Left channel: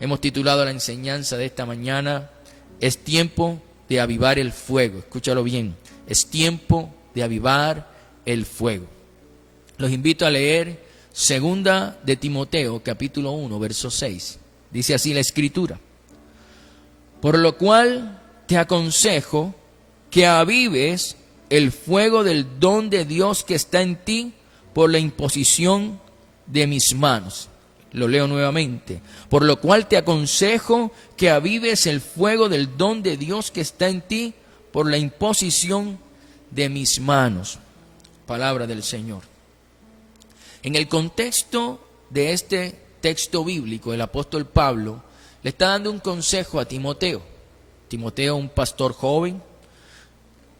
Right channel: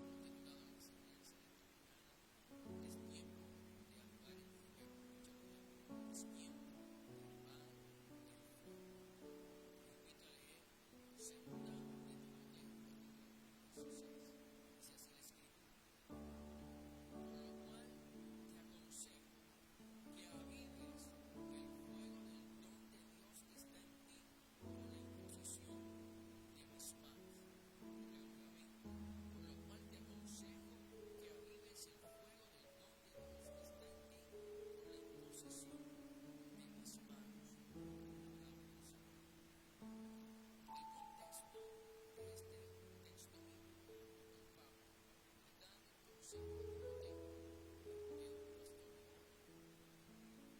Hemos titulado la enseñanza de esta mañana, es tiempo de avivar el fuego. Escúchalo bien, es tiempo de avivar el fuego. Los invito a leer 2 de Timoteo, capítulo 1, verso 6. Dice así la Escritura: por lo cual te aconsejo que avives el fuego del don de Dios que está en ti por la imposición de mis manos. Lo leo nuevamente. Por lo cual te aconsejo que avives el fuego del don de Dios que está en ti por la imposición de mis manos. Palabra del Señor. En el contexto de este texto bíblico, el apóstol Pablo le está dando un consejo a Timoteo. Timoteo, un pastor joven.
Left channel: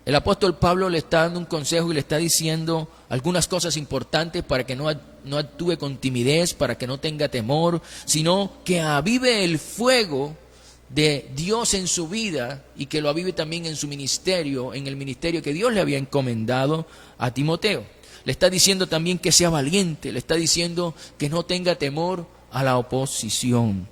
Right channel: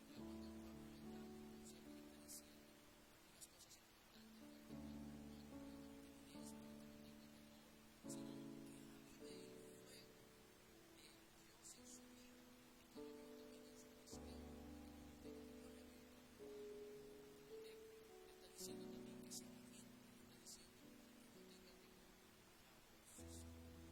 El apóstol Pablo le está dando un consejo y le está diciendo algunas cosas importantes para que no actúe con timidez, para que no tenga temor, sino que avive el fuego de Dios en su vida y que lo avive también en su ministerio, en el ministerio que Dios le había encomendado a Timoteo. Le está diciendo también que sea valiente, le está diciendo que no tenga temor a la oposición.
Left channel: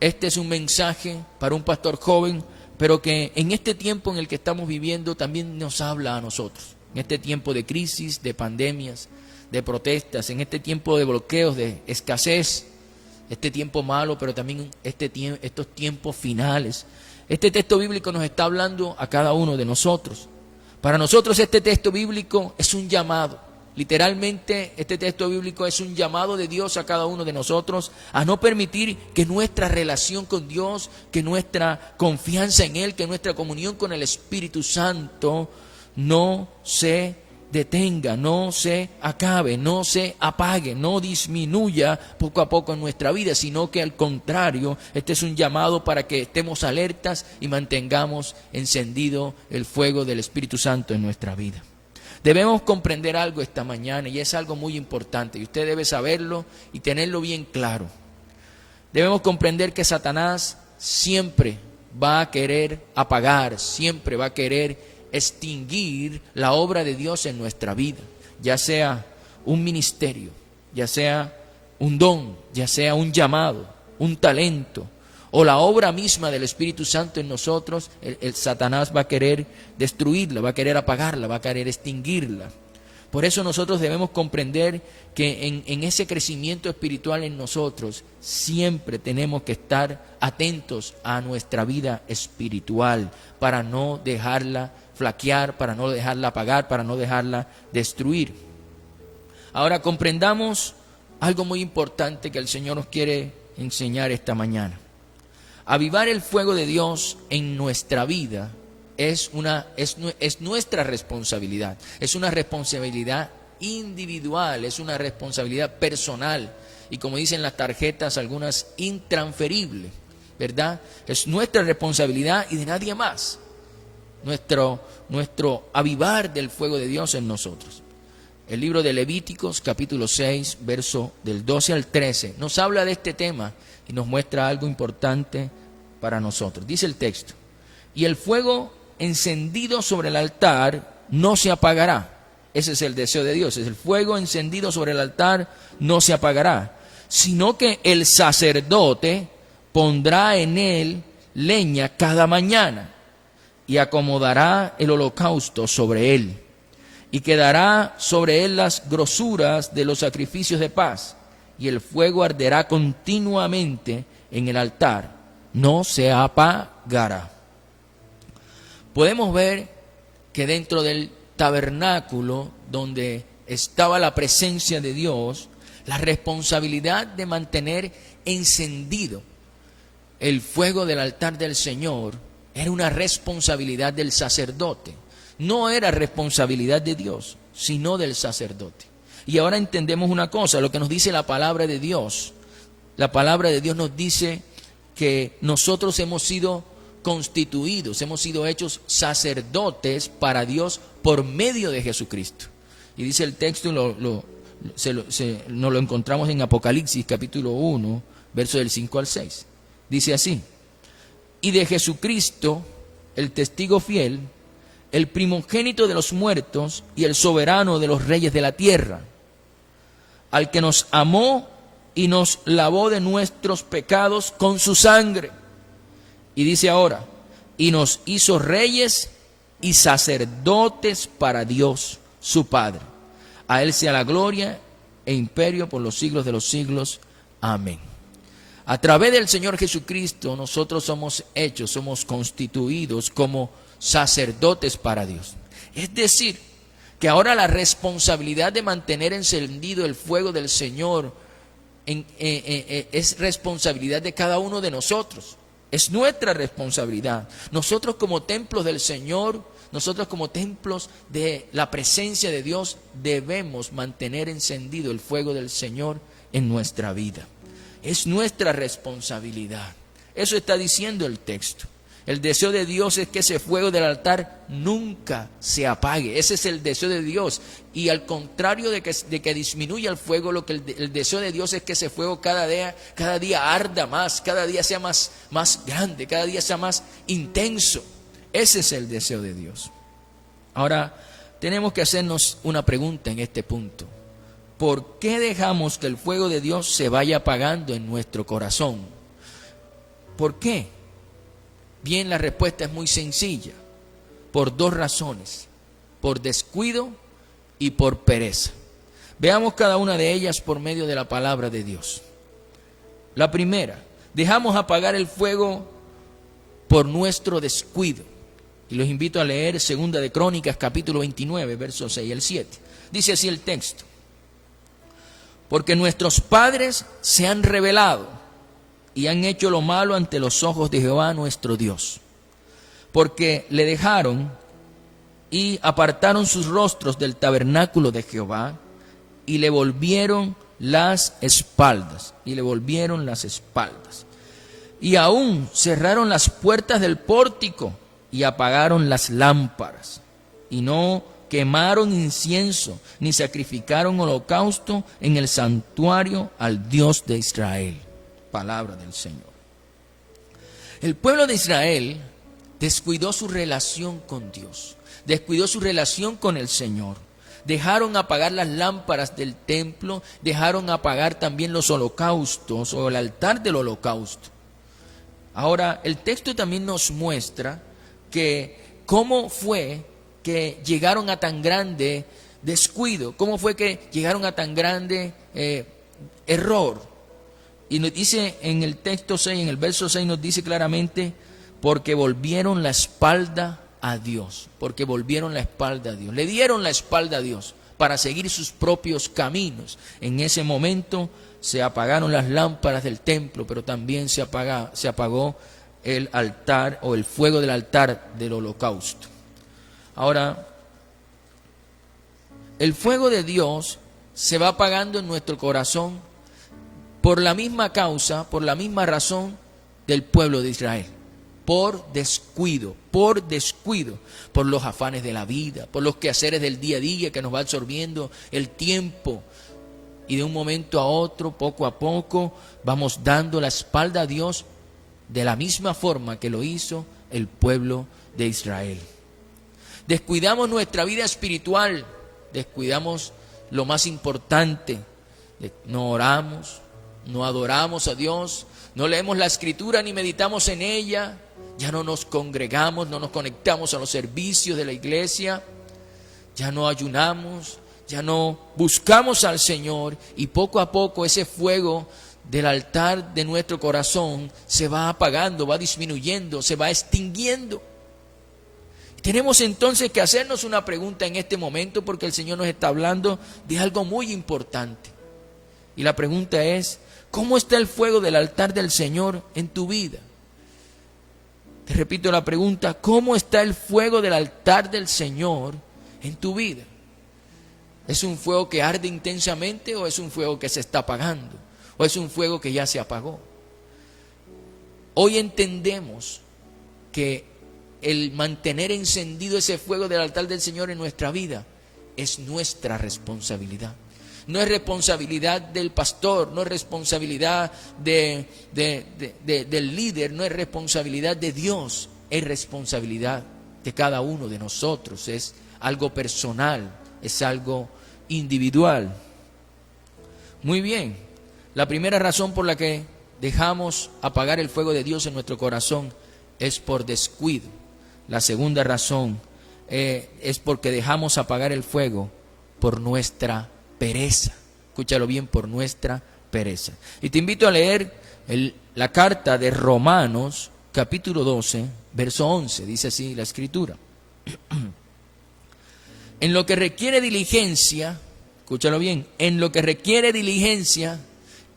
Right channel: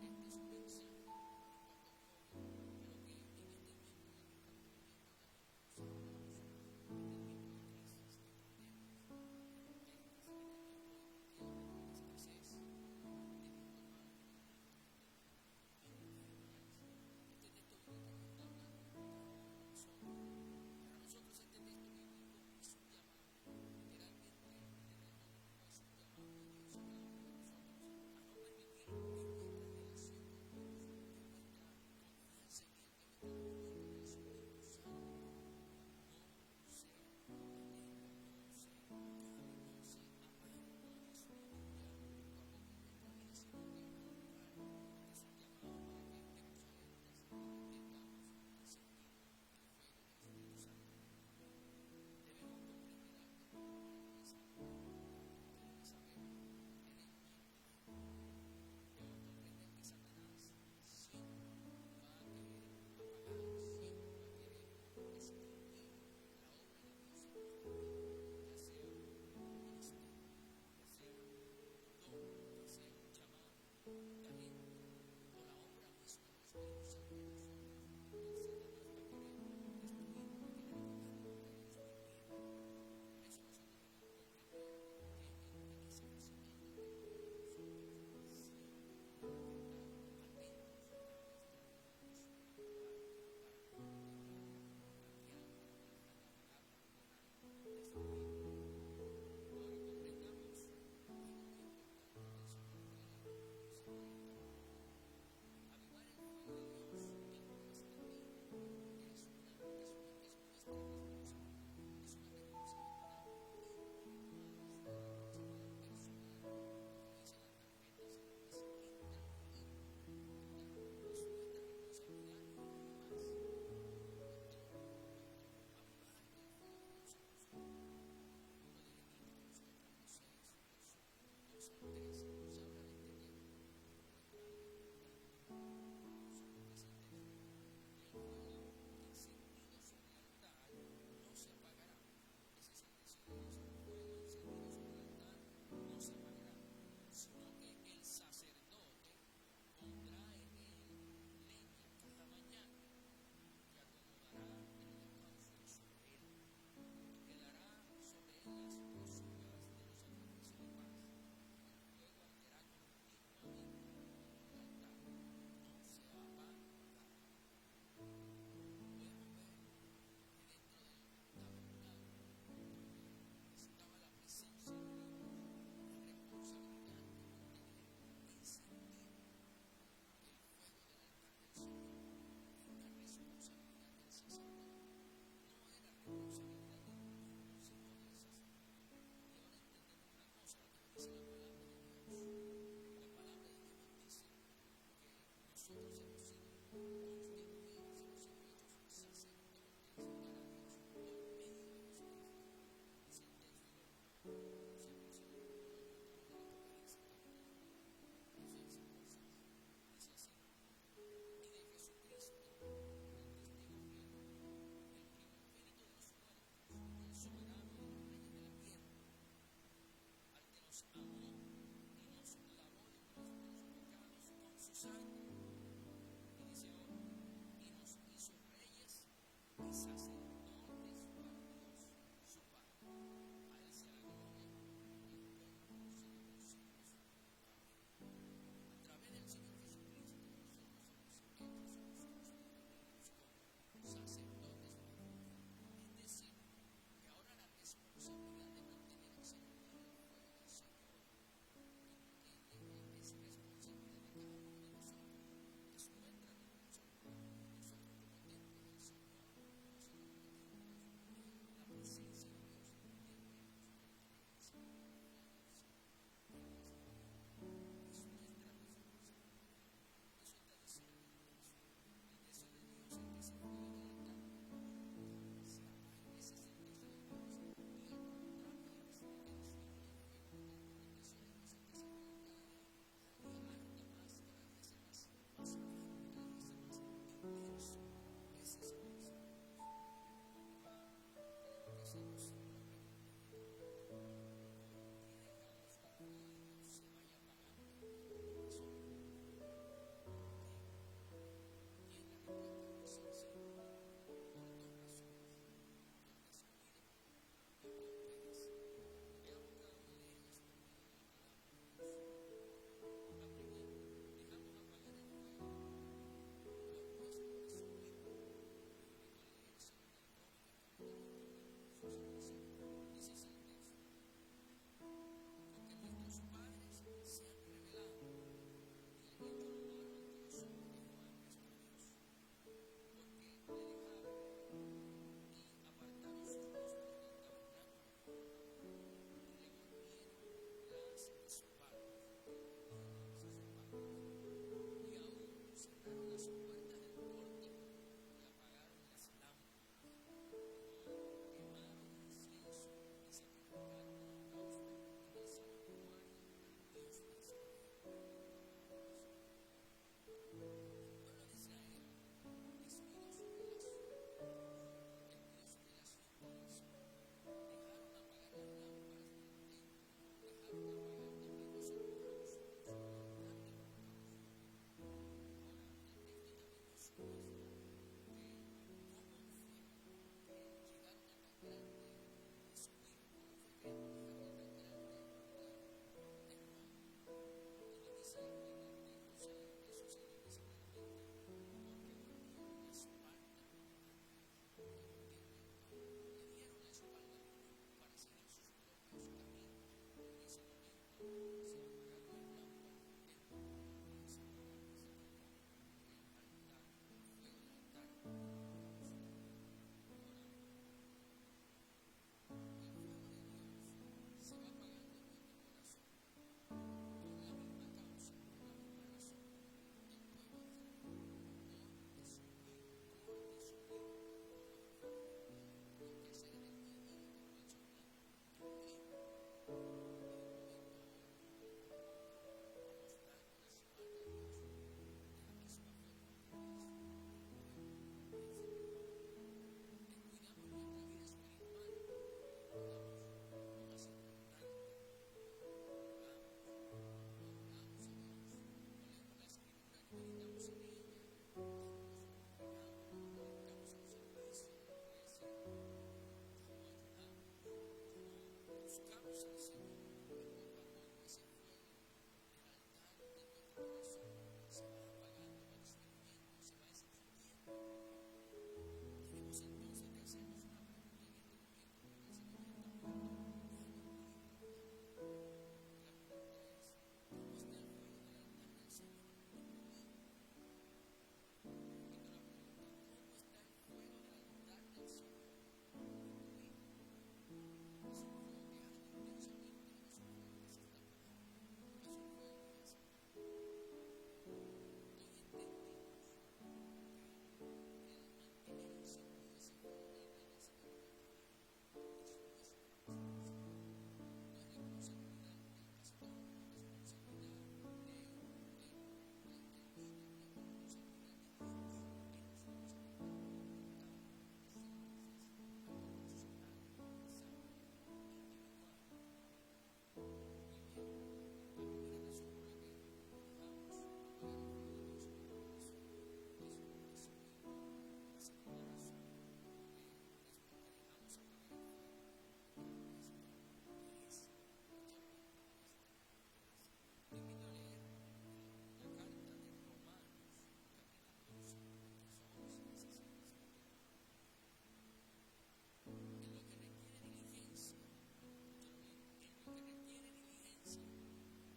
Este es un mensaje para un pastor joven, pero que en este tiempo en el que estamos viviendo también nos habla a nosotros. En este tiempo de crisis, de pandemias, de protestas, en este tiempo de bloqueos, de escasez, este tiempo malo, pero también estos tiempos finales. Este texto bíblico nos está hablando a cada uno de nosotros. Para nosotros este texto bíblico es un llamado. Literalmente este texto bíblico es un llamado de Dios a cada uno de nosotros a no permitir que nuestra relación con Dios, que nuestra confianza en Él, que nuestra comunión con el Espíritu Santo no se detenga, no se acabe, no se apague, no disminuya poco a poco en nuestra vida, sino que al contrario, este es un llamado para que estemos alertas y mantengamos encendido el fuego del Espíritu Santo en nuestra vida. Debemos comprender algo esta mañana y es algo muy importante y usted debe saberlo y tenerlo bien claro. Debemos comprender que Satanás siempre va a querer apagar, siempre va a querer extinguir la obra de Dios en nuestra vida, ya sea un ministerio, ya sea un don, ya sea un llamado, un talento o la obra misma del Espíritu Santo en nosotros. El Satanás va a querer destruirla, va a querer apagarla, va a querer extinguirla. Por eso nosotros debemos comprender que en ese crecimiento espiritual en nosotros siempre tenemos que estar atentos a nuestra vida espiritual para no dejarla flaquear, para no dejarla apagar, para no dejarla destruir. Ahora comprendamos algo muy importante que el Señor nos quiere enseñar esta mañana. Avivar el fuego de Dios en nuestra vida es nuestra responsabilidad. Es una responsabilidad individual, es una responsabilidad personal. Y como dicen las tarjetas, algunas intransferibles, ¿verdad? Es nuestra responsabilidad y de nadie más. Nuestro avivar del fuego de Dios en nosotros. El libro de Levíticos, capítulo 6, verso del 12 al 13, nos habla de este tema y nos muestra algo importante para nosotros. Dice el texto: y el fuego encendido sobre el altar no se apagará. Ese es el deseo de Dios, es el fuego encendido sobre el altar no se apagará, sino que el sacerdote pondrá en él leña cada mañana y acomodará el holocausto sobre él, y quedará sobre él las grosuras de los sacrificios de paz, y el fuego arderá continuamente en el altar, no se apagará. Podemos ver que dentro del tabernáculo donde estaba la presencia de Dios, la responsabilidad de mantener encendido el fuego del altar del Señor era una responsabilidad del sacerdote. No era responsabilidad de Dios, sino del sacerdote. Y ahora entendemos una cosa, lo que nos dice la palabra de Dios. La palabra de Dios nos dice que nosotros hemos sido constituidos, hemos sido hechos sacerdotes para Dios por medio de Jesucristo. Y dice el texto, nos lo encontramos en Apocalipsis capítulo 1, verso del 5 al 6. Dice así: y de Jesucristo, el testigo fiel, el primogénito de los muertos y el soberano de los reyes de la tierra, al que nos amó y nos lavó de nuestros pecados con su sangre. Y dice ahora, y nos hizo reyes y sacerdotes para Dios, su Padre. A Él sea la gloria e imperio por los siglos de los siglos. Amén. A través del Señor Jesucristo nosotros somos constituidos como sacerdotes para Dios. Es decir, que ahora la responsabilidad de mantener encendido el fuego del Señor es responsabilidad de cada uno de nosotros. Es nuestra responsabilidad. Nosotros como templos del Señor, nosotros como templos de la presencia de Dios, debemos mantener encendido el fuego del Señor en nuestra vida. Es nuestra responsabilidad. Eso está diciendo el texto. El deseo de Dios es que ese fuego del altar nunca se apague. Ese es el deseo de Dios. Y al contrario de que disminuya el fuego, el deseo de Dios es que ese fuego cada día arda más, cada día sea más grande, cada día sea más intenso. Ese es el deseo de Dios. Ahora, tenemos que hacernos una pregunta en este punto. ¿Por qué dejamos que el fuego de Dios se vaya apagando en nuestro corazón? ¿Por qué? Bien, la respuesta es muy sencilla. Por dos razones. Por descuido y por pereza. Veamos cada una de ellas por medio de la palabra de Dios. La primera, dejamos apagar el fuego por nuestro descuido. Y los invito a leer 2 de Crónicas, capítulo 29, versos 6 al 7. Dice así el texto. Porque nuestros padres se han rebelado y han hecho lo malo ante los ojos de Jehová nuestro Dios. Porque le dejaron y apartaron sus rostros del tabernáculo de Jehová y le volvieron las espaldas. Y aún cerraron las puertas del pórtico y apagaron las lámparas. Y no quemaron incienso ni sacrificaron holocausto en el santuario al Dios de Israel. Palabra del Señor. El pueblo de Israel descuidó su relación con Dios, descuidó su relación con el Señor. Dejaron apagar las lámparas del templo, dejaron apagar también los holocaustos o el altar del holocausto. Ahora, el texto también nos muestra que cómo fue que llegaron a tan grande descuido, cómo fue que llegaron a tan grande error. Y nos dice en el texto 6, en el verso 6 nos dice claramente, porque volvieron la espalda a Dios, porque volvieron la espalda a Dios, le dieron la espalda a Dios para seguir sus propios caminos. En ese momento se apagaron las lámparas del templo, pero también se apagó el altar o el fuego del altar del holocausto. Ahora, el fuego de Dios se va apagando en nuestro corazón por la misma causa, por la misma razón del pueblo de Israel. Por descuido, por los afanes de la vida, por los quehaceres del día a día que nos va absorbiendo el tiempo. Y de un momento a otro, poco a poco, vamos dando la espalda a Dios de la misma forma que lo hizo el pueblo de Israel. Descuidamos nuestra vida espiritual, descuidamos lo más importante. No oramos, no adoramos a Dios, no leemos la Escritura ni meditamos en ella, ya no nos congregamos, no nos conectamos a los servicios de la iglesia, ya no ayunamos, ya no buscamos al Señor, y poco a poco ese fuego del altar de nuestro corazón se va apagando, va disminuyendo, se va extinguiendo. Tenemos entonces que hacernos una pregunta en este momento, porque el Señor nos está hablando de algo muy importante. Y la pregunta es, ¿cómo está el fuego del altar del Señor en tu vida? Te repito la pregunta, ¿cómo está el fuego del altar del Señor en tu vida? ¿Es un fuego que arde intensamente o es un fuego que se está apagando? ¿O es un fuego que ya se apagó? Hoy entendemos que el mantener encendido ese fuego del altar del Señor en nuestra vida es nuestra responsabilidad. No es responsabilidad del pastor, no es responsabilidad del líder, no es responsabilidad de Dios, es responsabilidad de cada uno de nosotros, es algo personal, es algo individual. Muy bien, La primera razón por la que dejamos apagar el fuego de Dios en nuestro corazón es por descuido. La segunda razón es porque dejamos apagar el fuego por nuestra pereza. Escúchalo bien, por nuestra pereza. Y te invito a leer la carta de Romanos, capítulo 12, verso 11. Dice así la Escritura. En lo que requiere diligencia, escúchalo bien, en lo que requiere diligencia,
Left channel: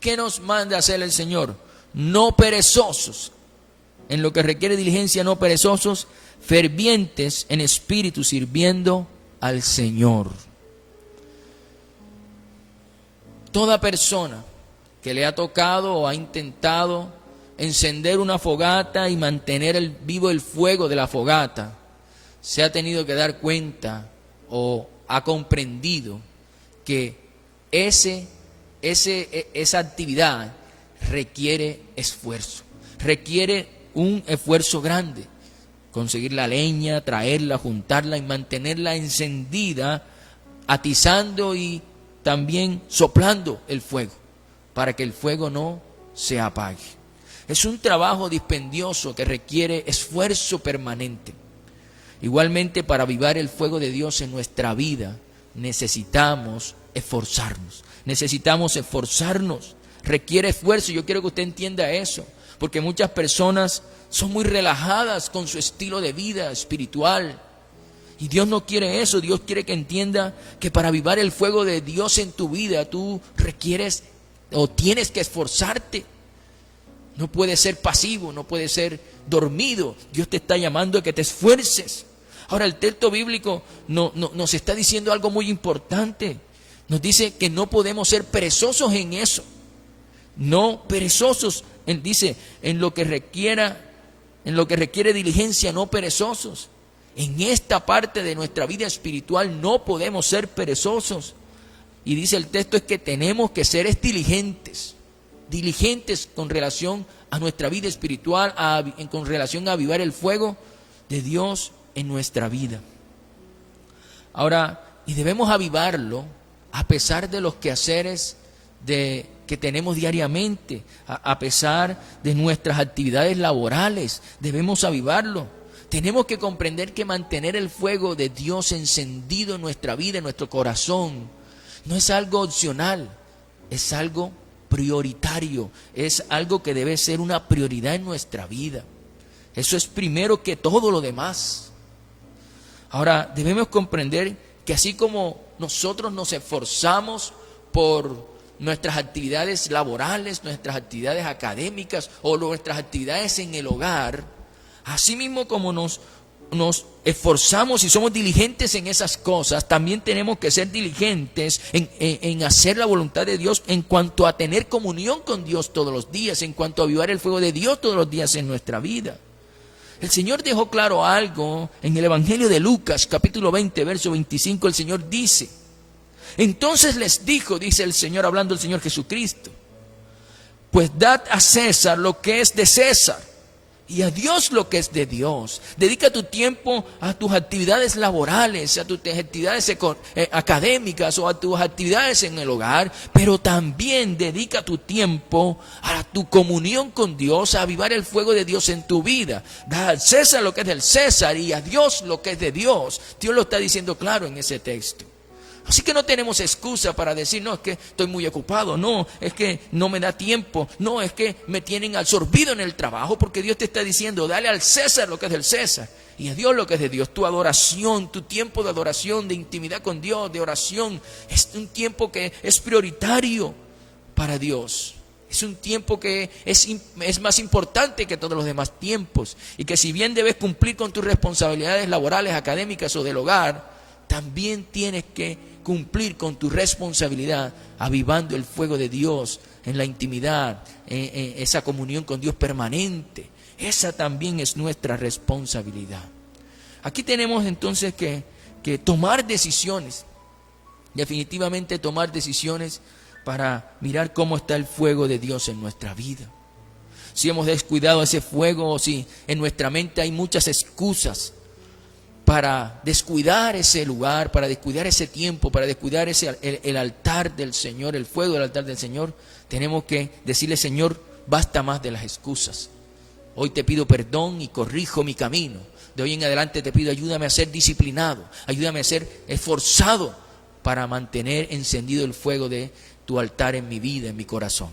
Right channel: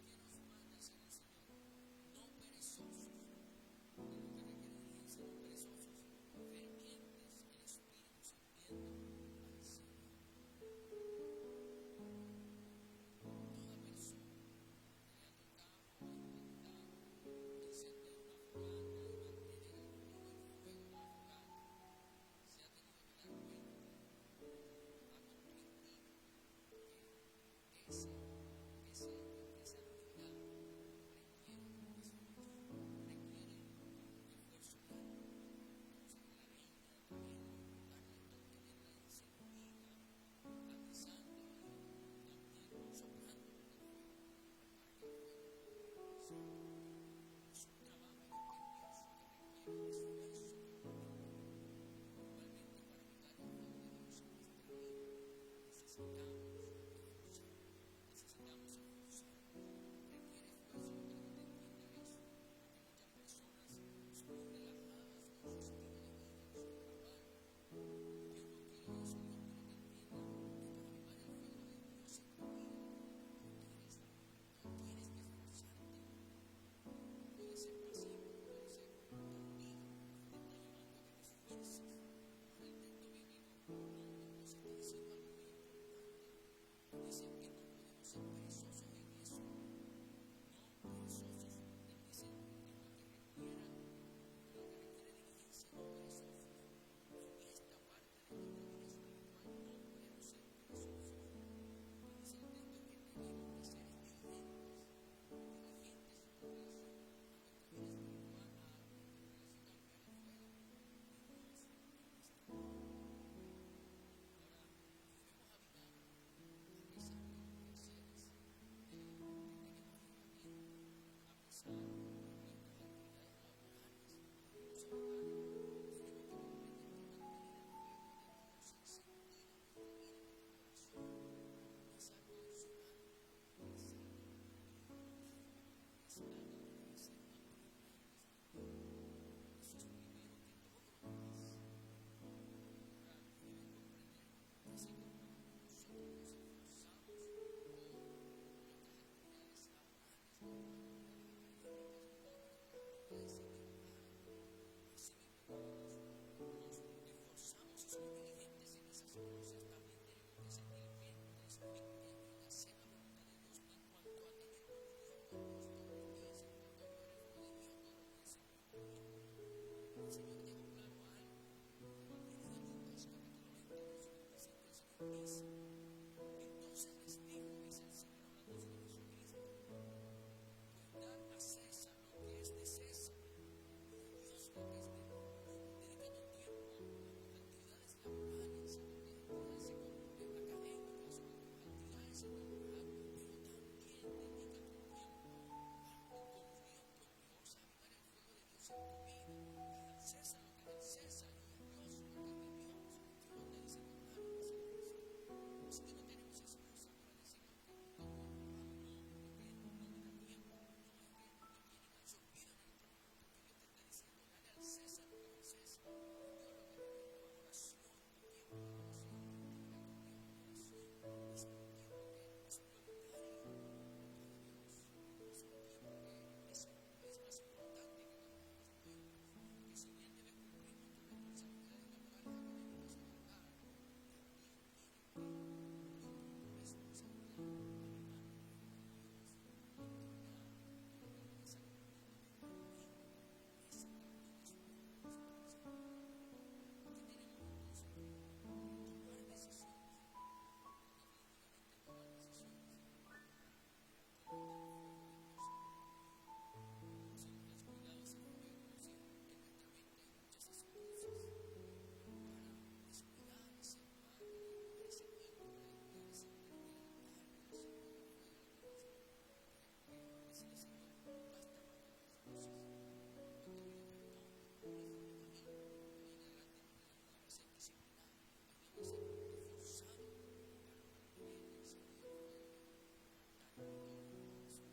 ¿qué nos manda hacer el Señor? No perezosos. En lo que requiere diligencia, no perezosos, fervientes en espíritu, sirviendo al Señor. Toda persona que le ha tocado o ha intentado encender una fogata y mantener vivo el fuego de la fogata, se ha tenido que dar cuenta o ha comprendido que esa actividad requiere esfuerzo, requiere un esfuerzo grande. Conseguir la leña, traerla, juntarla y mantenerla encendida, atizando y también soplando el fuego, para que el fuego no se apague. Es un trabajo dispendioso que requiere esfuerzo permanente. Igualmente, para avivar el fuego de Dios en nuestra vida, necesitamos esforzarnos. Requiere esfuerzo. Yo quiero que usted entienda eso, porque muchas personas son muy relajadas con su estilo de vida espiritual. Y Dios no quiere eso. Dios quiere que entienda que para avivar el fuego de Dios en tu vida, tú requieres o tienes que esforzarte. No puedes ser pasivo, no puedes ser dormido. Dios te está llamando a que te esfuerces. Ahora, el texto bíblico nos está diciendo algo muy importante. Nos dice que no podemos ser perezosos en eso. No perezosos. Dice, en lo que requiere diligencia, no perezosos. En esta parte de nuestra vida espiritual no podemos ser perezosos. Y dice el texto es que tenemos que ser diligentes con relación a nuestra vida espiritual, con relación a avivar el fuego de Dios en nuestra vida. Ahora, y debemos avivarlo a pesar de los quehaceres que tenemos diariamente, a pesar de nuestras actividades laborales, debemos avivarlo. Tenemos que comprender que mantener el fuego de Dios encendido en nuestra vida, en nuestro corazón, no es algo opcional, es algo prioritario, es algo que debe ser una prioridad en nuestra vida. Eso es primero que todo lo demás. Ahora, debemos comprender que así como nosotros nos esforzamos por nuestras actividades laborales, nuestras actividades académicas o nuestras actividades en el hogar, así mismo como nos esforzamos y somos diligentes en esas cosas, también tenemos que ser diligentes en hacer la voluntad de Dios en cuanto a tener comunión con Dios todos los días, en cuanto a avivar el fuego de Dios todos los días en nuestra vida. El Señor dejó claro algo en el Evangelio de Lucas, capítulo 20, verso 25. El Señor dice: entonces les dijo, dice el Señor, hablando el Señor Jesucristo, pues dad a César lo que es de César y a Dios lo que es de Dios. Dedica tu tiempo a tus actividades laborales, a tus actividades académicas o a tus actividades en el hogar, pero también dedica tu tiempo a tu comunión con Dios, a avivar el fuego de Dios en tu vida. Da al César lo que es del César y a Dios lo que es de Dios. Dios lo está diciendo claro en ese texto. Así que no tenemos excusa para decir, no, es que estoy muy ocupado, no, es que no me da tiempo, no, es que me tienen absorbido en el trabajo, porque Dios te está diciendo, dale al César lo que es del César y a Dios lo que es de Dios. Tu adoración, tu tiempo de adoración, de intimidad con Dios, de oración, es un tiempo que es prioritario para Dios. Es un tiempo que es más importante que todos los demás tiempos y que si bien debes cumplir con tus responsabilidades laborales, académicas o del hogar, también tienes que cumplir con tu responsabilidad avivando el fuego de Dios en la intimidad, en esa comunión con Dios permanente. Esa también es nuestra responsabilidad. Aquí tenemos entonces que tomar decisiones, definitivamente tomar decisiones para mirar cómo está el fuego de Dios en nuestra vida. Si hemos descuidado ese fuego o si en nuestra mente hay muchas excusas para descuidar ese lugar, para descuidar ese tiempo, para descuidar el altar del Señor, el fuego del altar del Señor, tenemos que decirle: Señor, basta más de las excusas. Hoy te pido perdón y corrijo mi camino. De hoy en adelante te pido: ayúdame a ser disciplinado, ayúdame a ser esforzado para mantener encendido el fuego de tu altar en mi vida, en mi corazón.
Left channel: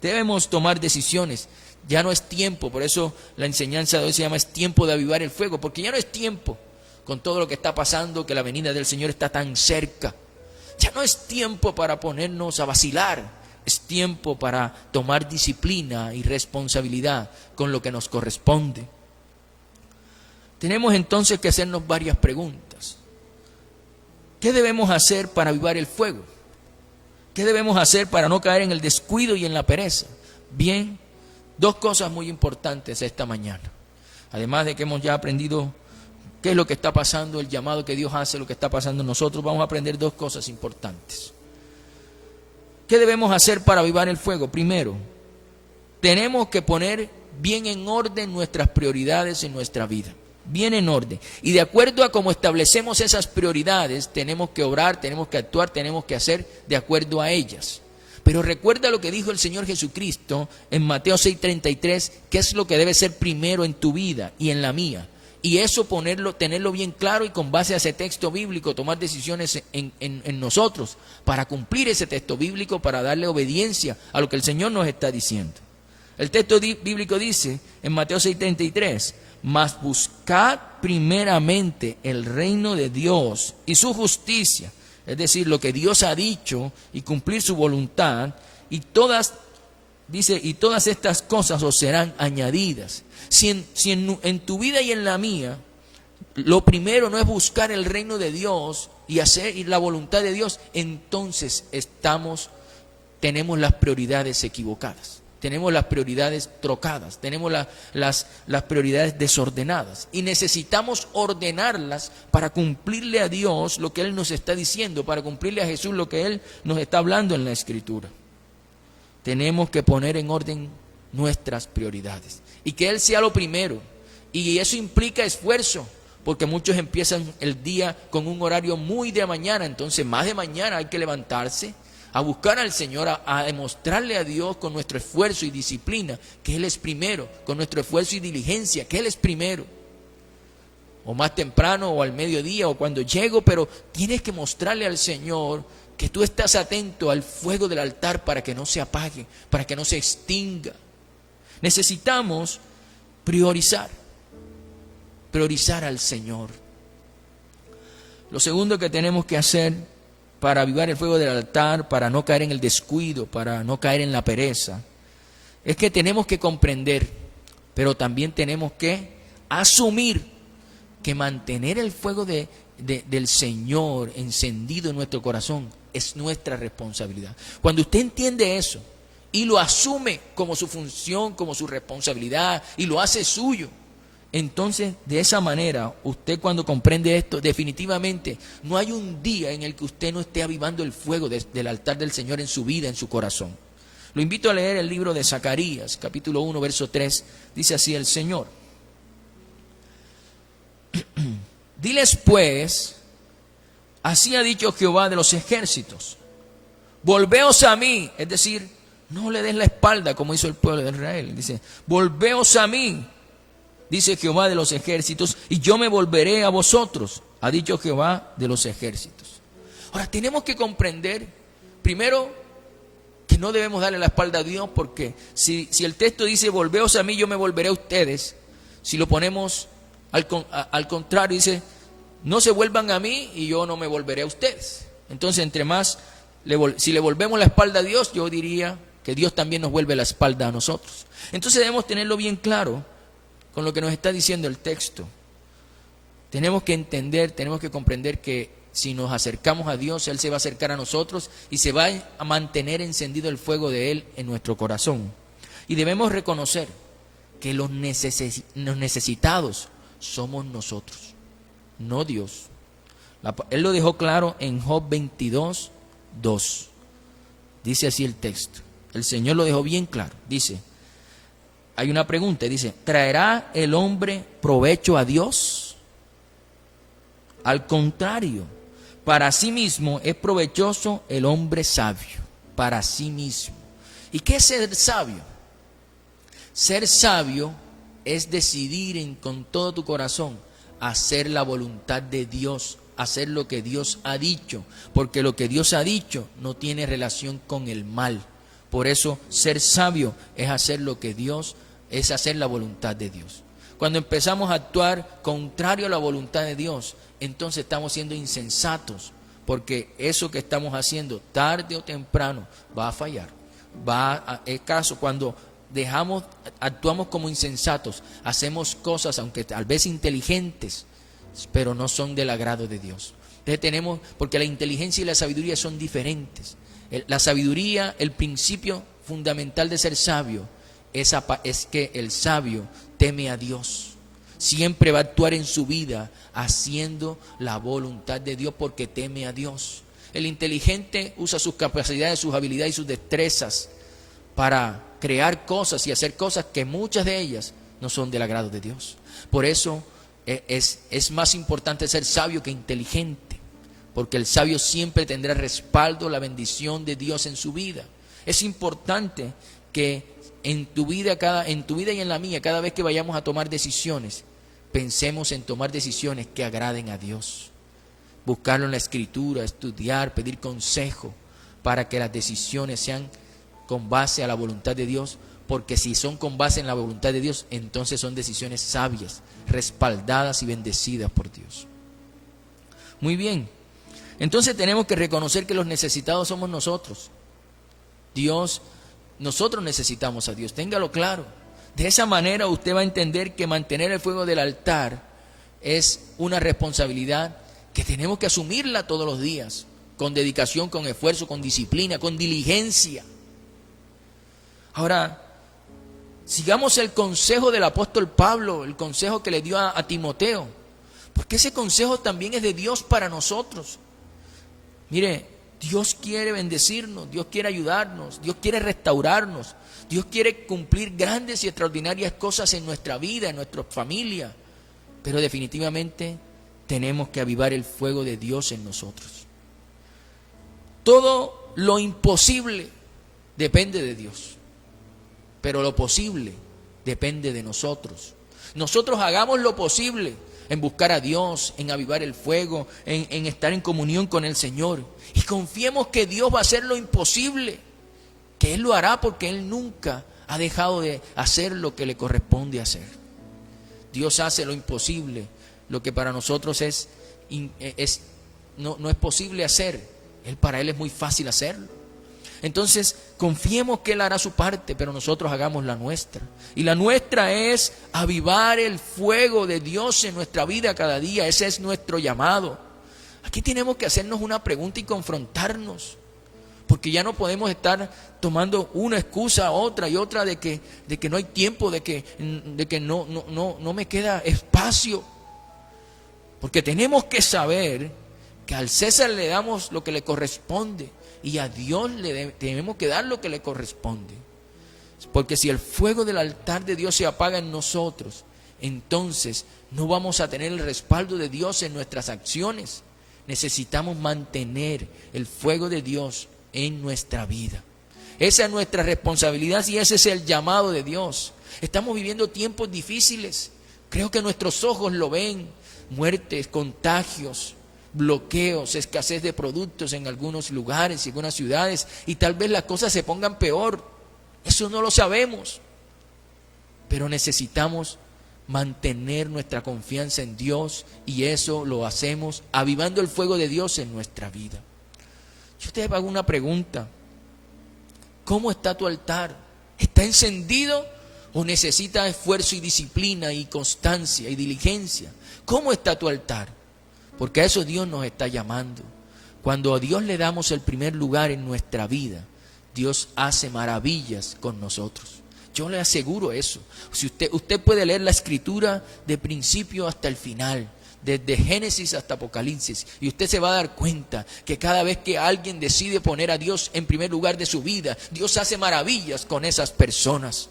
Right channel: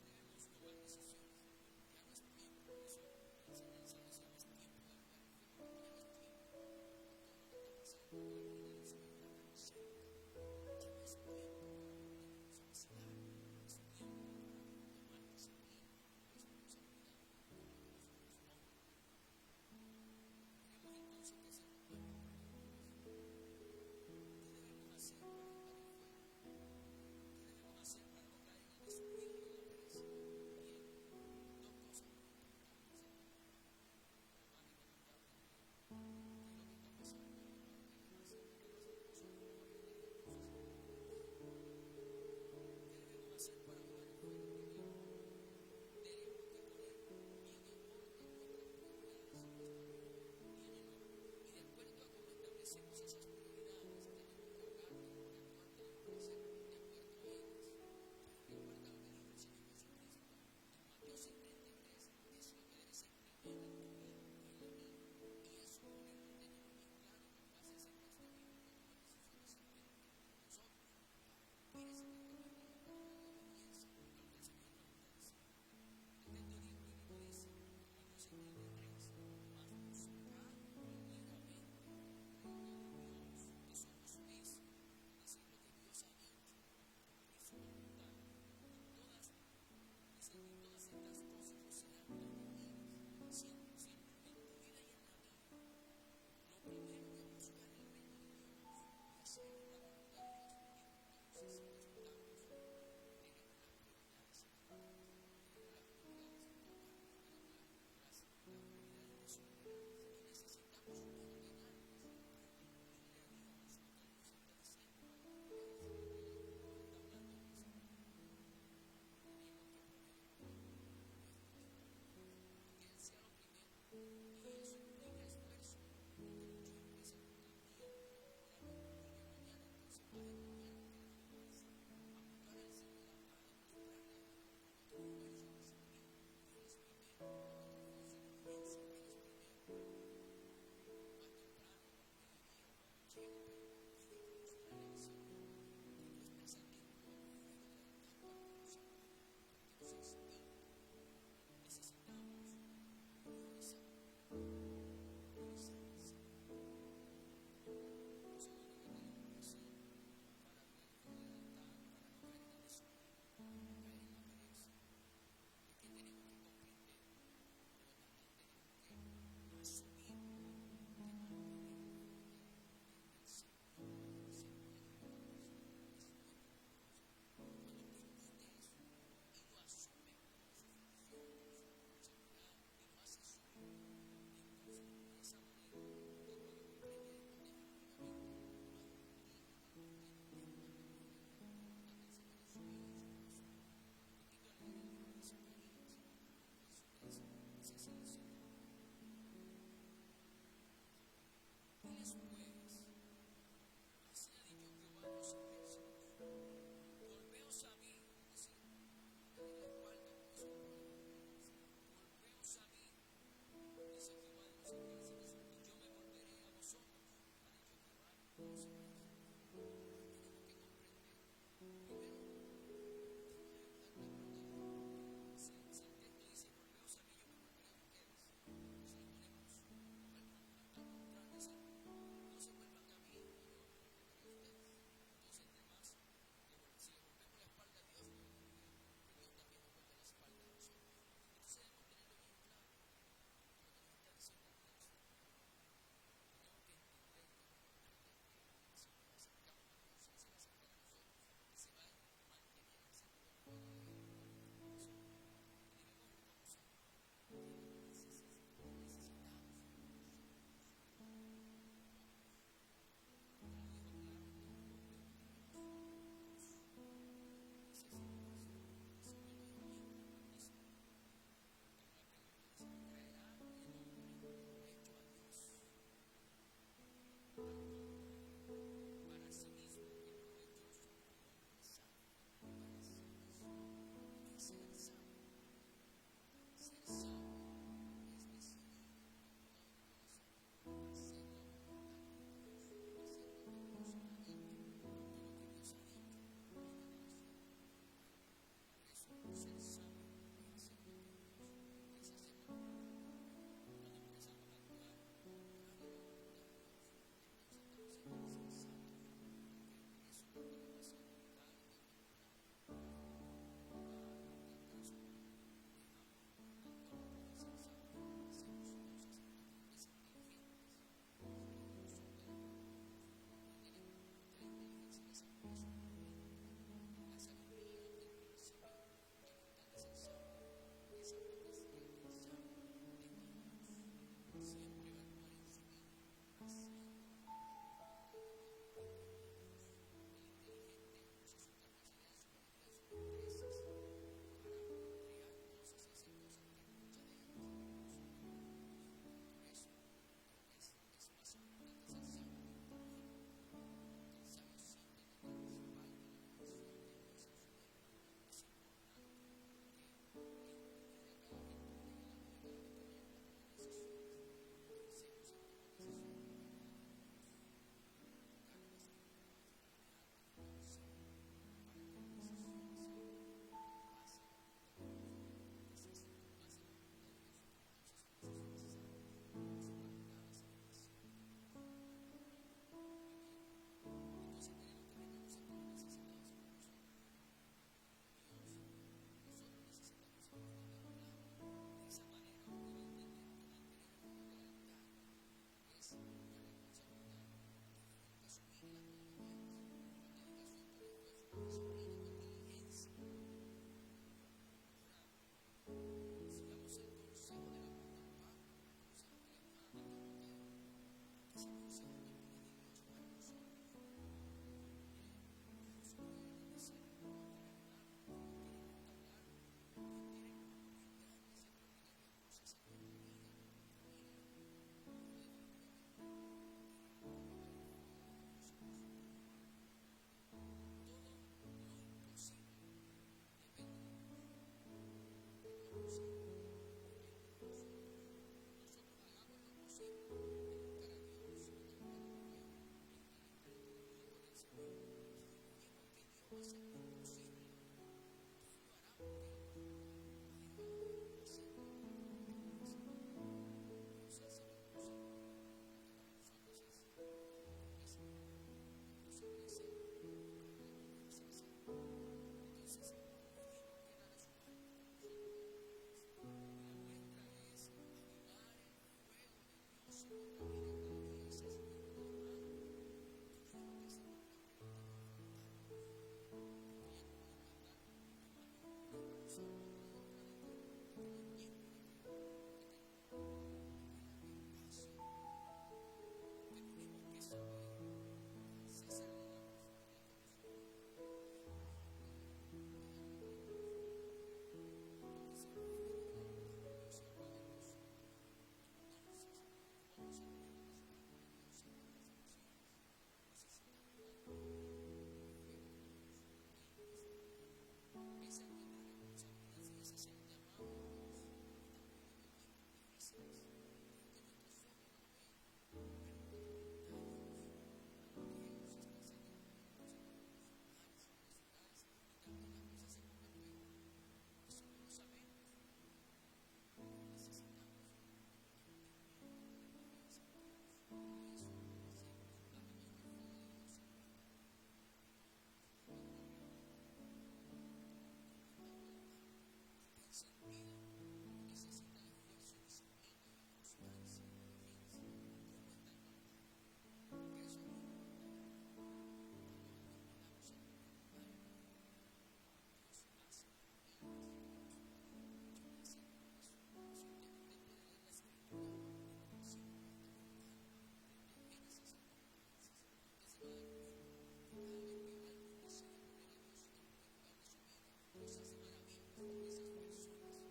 Debemos tomar decisiones. Ya no es tiempo, por eso la enseñanza de hoy se llama: es tiempo de avivar el fuego, porque ya no es tiempo, con todo lo que está pasando, que la venida del Señor está tan cerca. Ya no es tiempo para ponernos a vacilar, es tiempo para tomar disciplina y responsabilidad con lo que nos corresponde. Tenemos entonces que hacernos varias preguntas. ¿Qué debemos hacer para avivar el fuego? ¿Qué debemos hacer para no caer en el descuido y en la pereza? Bien, dos cosas muy importantes esta mañana. Además de que hemos ya aprendido qué es lo que está pasando, el llamado que Dios hace, lo que está pasando en nosotros, vamos a aprender dos cosas importantes. ¿Qué debemos hacer para avivar el fuego? Primero, tenemos que poner bien en orden nuestras prioridades en nuestra vida. Bien en orden. Y de acuerdo a cómo establecemos esas prioridades, tenemos que obrar, tenemos que actuar, tenemos que hacer de acuerdo a ellas. Pero recuerda lo que dijo el Señor Jesucristo en Mateo 6:33, que es lo que debe ser primero en tu vida y en la mía. Y eso tenerlo bien claro, y con base a ese texto bíblico tomar decisiones en nosotros para cumplir ese texto bíblico, para darle obediencia a lo que el Señor nos está diciendo. El texto bíblico dice en Mateo 6:33: mas buscad primeramente el reino de Dios y su justicia, es decir, lo que Dios ha dicho, y cumplir su voluntad, y todas estas cosas os serán añadidas. Si en tu vida y en la mía, lo primero no es buscar el reino de Dios y hacer la voluntad de Dios, entonces tenemos las prioridades equivocadas. Tenemos las prioridades trocadas, tenemos las prioridades desordenadas, y necesitamos ordenarlas para cumplirle a Dios lo que Él nos está diciendo, para cumplirle a Jesús lo que Él nos está hablando en la Escritura. Tenemos que poner en orden nuestras prioridades y que Él sea lo primero, y eso implica esfuerzo, porque muchos empiezan el día con un horario muy de mañana, entonces más de mañana hay que levantarse a buscar al Señor, a demostrarle a Dios con nuestro esfuerzo y disciplina que Él es primero, con nuestro esfuerzo y diligencia que Él es primero, o más temprano, o al mediodía, o cuando llego, pero tienes que mostrarle al Señor que tú estás atento al fuego del altar para que no se apague, para que no se extinga. Necesitamos priorizar al Señor. Lo segundo que tenemos que hacer para avivar el fuego del altar, para no caer en el descuido, para no caer en la pereza, es que tenemos que comprender, pero también tenemos que asumir que mantener el fuego del Señor encendido en nuestro corazón es nuestra responsabilidad. Cuando usted entiende eso y lo asume como su función, como su responsabilidad, y lo hace suyo, entonces, de esa manera, usted cuando comprende esto, definitivamente no hay un día en el que usted no esté avivando el fuego del altar del Señor en su vida, en su corazón. Lo invito a leer el libro de Zacarías, capítulo 1, verso 3. Dice así el Señor: diles pues, así ha dicho Jehová de los ejércitos, volveos a mí, es decir, no le des la espalda como hizo el pueblo de Israel. Dice: volveos a mí, dice Jehová de los ejércitos, y yo me volveré a vosotros, ha dicho Jehová de los ejércitos. Ahora, tenemos que comprender, primero, que no debemos darle la espalda a Dios, porque si el texto dice, volveos a mí, yo me volveré a ustedes, si lo ponemos al contrario, dice, no se vuelvan a mí y yo no me volveré a ustedes. Entonces, entre más, si le volvemos la espalda a Dios, yo diría que Dios también nos vuelve la espalda a nosotros. Entonces debemos tenerlo bien claro con lo que nos está diciendo el texto. Tenemos que entender, tenemos que comprender que si nos acercamos a Dios, Él se va a acercar a nosotros y se va a mantener encendido el fuego de Él en nuestro corazón. Y debemos reconocer que los necesitados somos nosotros, no Dios. Él lo dejó claro en Job 22, 2. Dice así el texto. El Señor lo dejó bien claro. Dice, hay una pregunta, dice, ¿traerá el hombre provecho a Dios? Al contrario, para sí mismo es provechoso el hombre sabio, para sí mismo. ¿Y qué es ser sabio? Ser sabio es decidir con todo tu corazón hacer la voluntad de Dios, hacer lo que Dios ha dicho, porque lo que Dios ha dicho no tiene relación con el mal. Por eso ser sabio es hacer lo que Dios, es hacer la voluntad de Dios. Cuando empezamos a actuar contrario a la voluntad de Dios, entonces estamos siendo insensatos, porque eso que estamos haciendo tarde o temprano va a fallar. Es caso cuando actuamos como insensatos, hacemos cosas, aunque tal vez inteligentes, pero no son del agrado de Dios. Entonces porque la inteligencia y la sabiduría son diferentes. La sabiduría, el principio fundamental de ser sabio, es que el sabio teme a Dios. Siempre va a actuar en su vida haciendo la voluntad de Dios porque teme a Dios. El inteligente usa sus capacidades, sus habilidades y sus destrezas para crear cosas y hacer cosas que muchas de ellas no son del agrado de Dios. Por eso es más importante ser sabio que inteligente, porque el sabio siempre tendrá respaldo, la bendición de Dios en su vida. Es importante que en tu vida y en la mía, cada vez que vayamos a tomar decisiones, pensemos en tomar decisiones que agraden a Dios. Buscarlo en la Escritura, estudiar, pedir consejo para que las decisiones sean con base a la voluntad de Dios, porque si son con base en la voluntad de Dios, entonces son decisiones sabias, respaldadas y bendecidas por Dios. Muy bien, entonces tenemos que reconocer que los necesitados somos nosotros. Nosotros necesitamos a Dios, téngalo claro. De esa manera usted va a entender que mantener el fuego del altar es una responsabilidad que tenemos que asumirla todos los días, con dedicación, con esfuerzo, con disciplina, con diligencia. Ahora, sigamos el consejo del apóstol Pablo, el consejo que le dio a Timoteo, porque ese consejo también es de Dios para nosotros. Mire, Dios quiere bendecirnos, Dios quiere ayudarnos, Dios quiere restaurarnos, Dios quiere cumplir grandes y extraordinarias cosas en nuestra vida, en nuestra familia, pero definitivamente tenemos que avivar el fuego de Dios en nosotros. Todo lo imposible depende de Dios, pero lo posible depende de nosotros. Nosotros hagamos lo posible en buscar a Dios, en avivar el fuego, en estar en comunión con el Señor. Y confiemos que Dios va a hacer lo imposible, que Él lo hará porque Él nunca ha dejado de hacer lo que le corresponde hacer. Dios hace lo imposible, lo que para nosotros no es posible hacer. Para Él es muy fácil hacerlo. Entonces, confiemos que Él hará su parte, pero nosotros hagamos la nuestra. Y la nuestra es avivar el fuego de Dios en nuestra vida cada día. Ese es nuestro llamado. Aquí tenemos que hacernos una pregunta y confrontarnos, porque ya no podemos estar tomando una excusa, otra y otra de que no hay tiempo, de que no me queda espacio. Porque tenemos que saber que al César le damos lo que le corresponde y a Dios tenemos que dar lo que le corresponde. Porque si el fuego del altar de Dios se apaga en nosotros, entonces no vamos a tener el respaldo de Dios en nuestras acciones. Necesitamos mantener el fuego de Dios en nuestra vida. Esa es nuestra responsabilidad y ese es el llamado de Dios. Estamos viviendo tiempos difíciles. Creo que nuestros ojos lo ven. Muertes, contagios, bloqueos, escasez de productos en algunos lugares y algunas ciudades, y tal vez las cosas se pongan peor. Eso no lo sabemos, pero necesitamos mantener nuestra confianza en Dios, y eso lo hacemos avivando el fuego de Dios en nuestra vida. Yo te hago una pregunta: ¿cómo está tu altar? ¿Está encendido o necesita esfuerzo y disciplina y constancia y diligencia? ¿Cómo está tu altar? Porque a eso Dios nos está llamando. Cuando a Dios le damos el primer lugar en nuestra vida, Dios hace maravillas con nosotros. Yo le aseguro eso. Si usted puede leer la Escritura de principio hasta el final, desde Génesis hasta Apocalipsis, y usted se va a dar cuenta que cada vez que alguien decide poner a Dios en primer lugar de su vida, Dios hace maravillas con esas personas.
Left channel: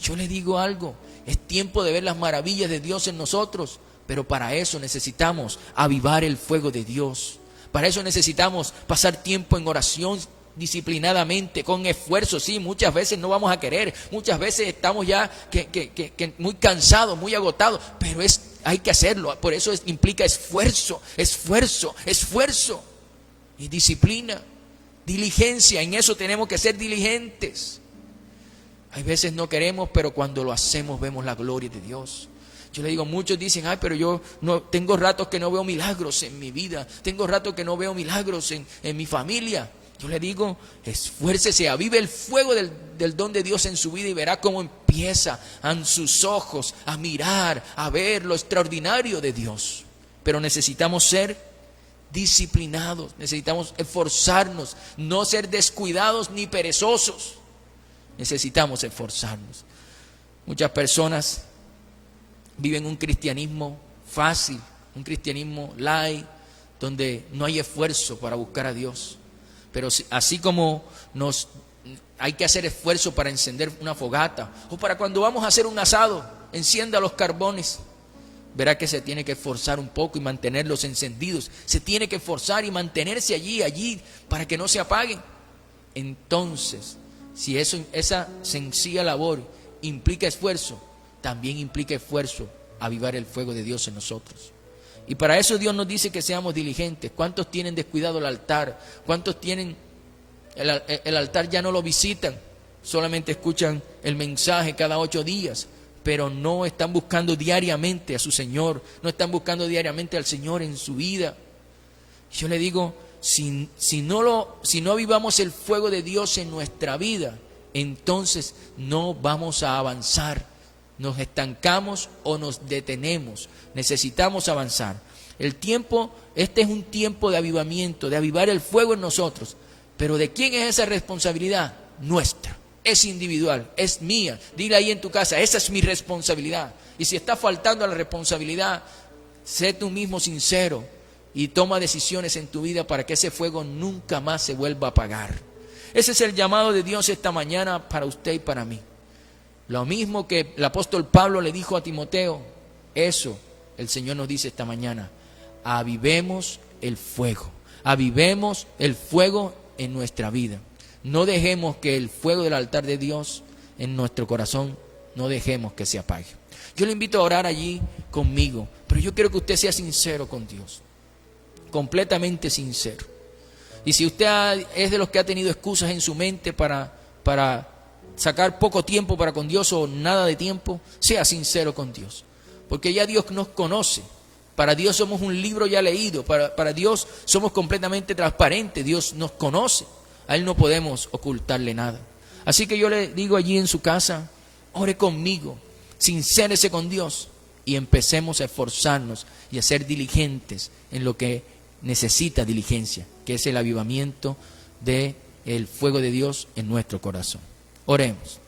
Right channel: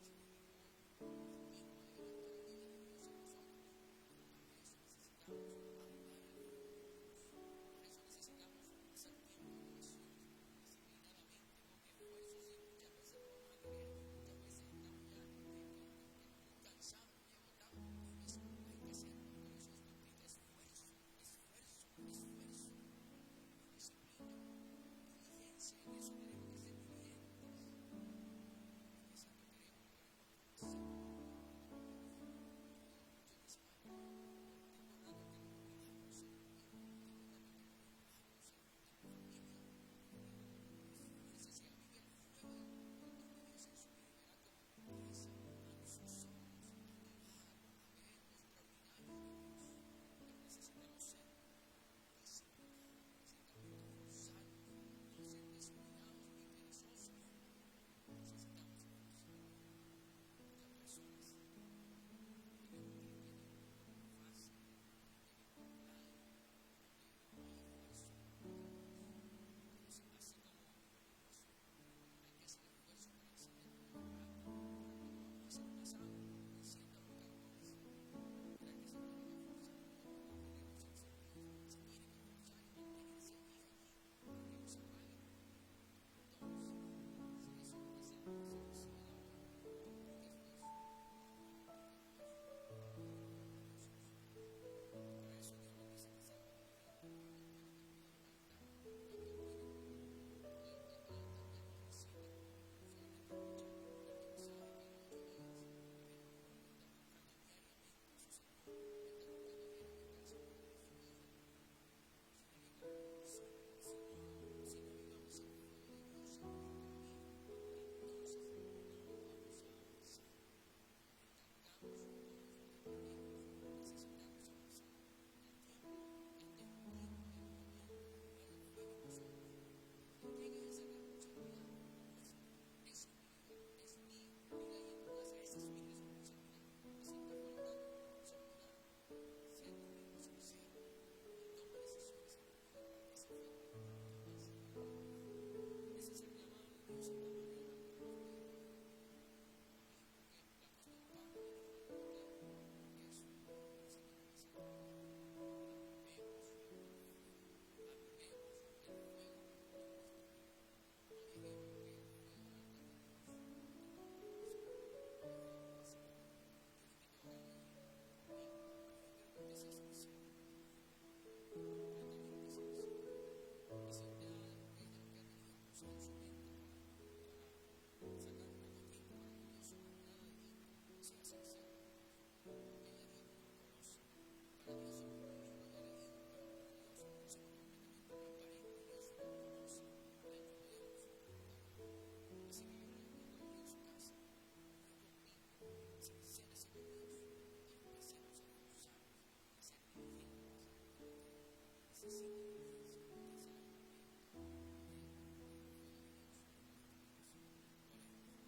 Yo le digo algo: es tiempo de ver las maravillas de Dios en nosotros, Pero para eso necesitamos avivar el fuego de Dios. Para eso necesitamos pasar tiempo en oración disciplinadamente, con esfuerzo. Sí, muchas veces no vamos a querer, muchas veces estamos ya muy cansados, muy agotados, pero hay que hacerlo. Por eso implica esfuerzo y disciplina, diligencia. En eso tenemos que ser diligentes. Hay veces no queremos, pero cuando lo hacemos vemos la gloria de Dios. Yo le digo, muchos dicen, ay, pero yo no tengo ratos que no veo milagros en mi vida, tengo ratos que no veo milagros en mi familia. Yo le digo, esfuércese, avive el fuego del don de Dios en su vida y verá cómo empieza en sus ojos a mirar, a ver lo extraordinario de Dios. Pero necesitamos ser disciplinados, necesitamos esforzarnos, no ser descuidados ni perezosos. Necesitamos esforzarnos. Muchas personas viven un cristianismo fácil, un cristianismo light, donde no hay esfuerzo para buscar a Dios. Pero así como hay que hacer esfuerzo para encender una fogata, o para cuando vamos a hacer un asado, encienda los carbones, verá que se tiene que esforzar un poco y mantenerlos encendidos. Se tiene que esforzar y mantenerse allí, para que no se apaguen. Entonces, si esa sencilla labor implica esfuerzo, también implica esfuerzo avivar el fuego de Dios en nosotros. Y para eso Dios nos dice que seamos diligentes. ¿Cuántos tienen descuidado el altar? ¿Cuántos tienen el altar, ya no lo visitan? Solamente escuchan el mensaje cada 8 días, pero no están buscando diariamente a su Señor, no están buscando diariamente al Señor en su vida. Yo le digo, si no avivamos el fuego de Dios en nuestra vida, entonces no vamos a avanzar. Nos estancamos o nos detenemos. Necesitamos avanzar. Este es un tiempo de avivamiento, de avivar el fuego en nosotros. Pero ¿de quién es esa responsabilidad? Nuestra. Es individual, es mía. Dile ahí en tu casa, esa es mi responsabilidad. Y si está faltando a la responsabilidad, sé tú mismo sincero y toma decisiones en tu vida para que ese fuego nunca más se vuelva a apagar. Ese es el llamado de Dios esta mañana para usted y para mí. Lo mismo que el apóstol Pablo le dijo a Timoteo, eso el Señor nos dice esta mañana. Avivemos el fuego en nuestra vida. No dejemos que el fuego del altar de Dios en nuestro corazón, no dejemos que se apague. Yo le invito a orar allí conmigo, pero yo quiero que usted sea sincero con Dios, completamente sincero. Y si usted es de los que ha tenido excusas en su mente para sacar poco tiempo para con Dios o nada de tiempo, sea sincero con Dios, porque ya Dios nos conoce. Para Dios somos un libro ya leído, para Dios somos completamente transparentes, Dios nos conoce, a Él no podemos ocultarle nada. Así que yo le digo allí en su casa, ore conmigo, sincérese con Dios y empecemos a esforzarnos y a ser diligentes en lo que necesita diligencia, que es el avivamiento del fuego de Dios en nuestro corazón. Oremos.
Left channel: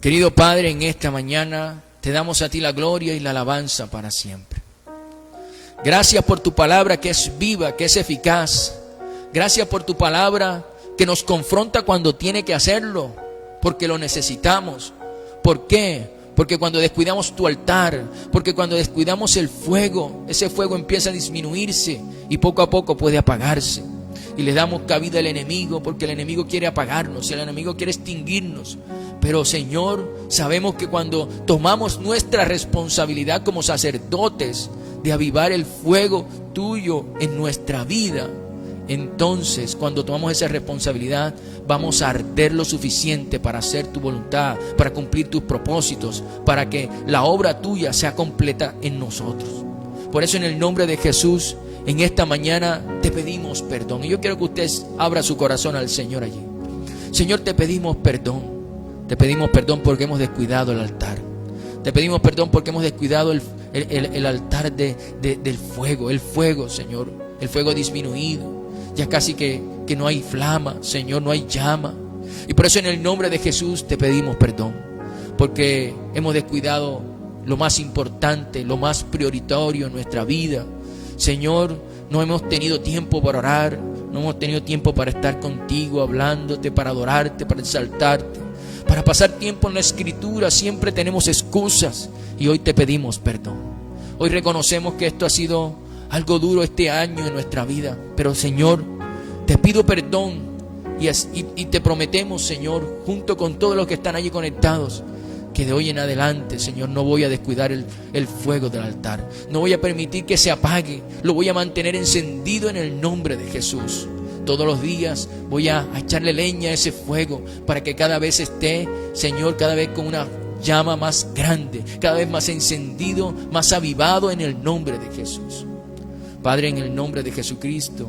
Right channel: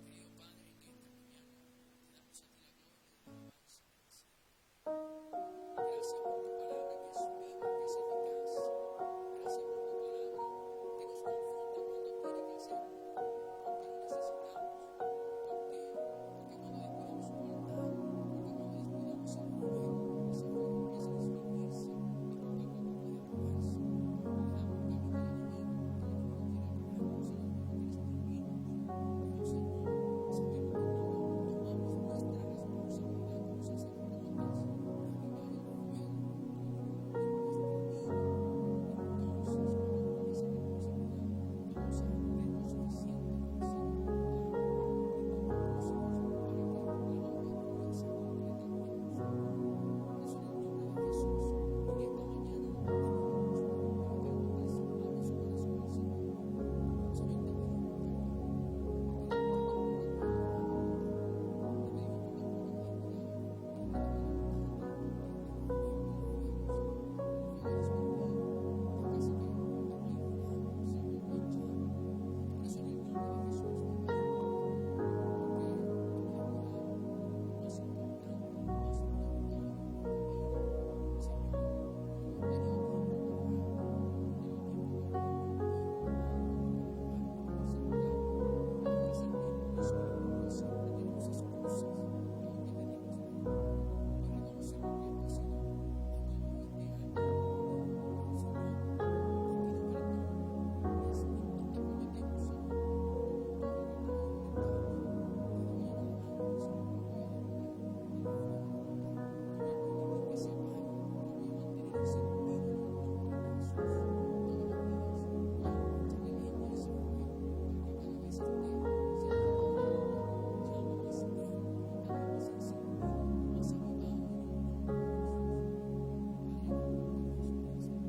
Querido Padre, en esta mañana te damos a ti la gloria y la alabanza para siempre. Gracias por tu palabra que es viva, que es eficaz. Gracias por tu palabra que nos confronta cuando tiene que hacerlo, porque lo necesitamos. ¿Por qué? Porque cuando descuidamos tu altar, porque cuando descuidamos el fuego, ese fuego empieza a disminuirse y poco a poco puede apagarse. Y le damos cabida al enemigo, porque el enemigo quiere apagarnos, el enemigo quiere extinguirnos. Pero Señor, sabemos que cuando tomamos nuestra responsabilidad como sacerdotes de avivar el fuego tuyo en nuestra vida, entonces cuando tomamos esa responsabilidad vamos a arder lo suficiente para hacer tu voluntad, para cumplir tus propósitos, para que la obra tuya sea completa en nosotros. Por eso en el nombre de Jesús, en esta mañana te pedimos perdón. Y yo quiero que usted abra su corazón al Señor allí. Señor, te pedimos perdón. Te pedimos perdón porque hemos descuidado el altar. Te pedimos perdón porque hemos descuidado el altar del fuego. El fuego, Señor. El fuego disminuido. Ya casi que no hay flama, Señor, no hay llama. Y por eso en el nombre de Jesús te pedimos perdón. Porque hemos descuidado lo más importante, lo más prioritario en nuestra vida. Señor, no hemos tenido tiempo para orar, no hemos tenido tiempo para estar contigo, hablándote, para adorarte, para exaltarte, para pasar tiempo en la Escritura. Siempre tenemos excusas y hoy te pedimos perdón. Hoy reconocemos que esto ha sido algo duro este año en nuestra vida. Pero Señor, te pido perdón y te prometemos, Señor, junto con todos los que están allí conectados, que de hoy en adelante, Señor, no voy a descuidar el fuego del altar. No voy a permitir que se apague. Lo voy a mantener encendido en el nombre de Jesús. Todos los días voy a echarle leña a ese fuego para que cada vez esté, Señor, cada vez con una llama más grande, cada vez más encendido, más avivado en el nombre de Jesús. Padre, en el nombre de Jesucristo,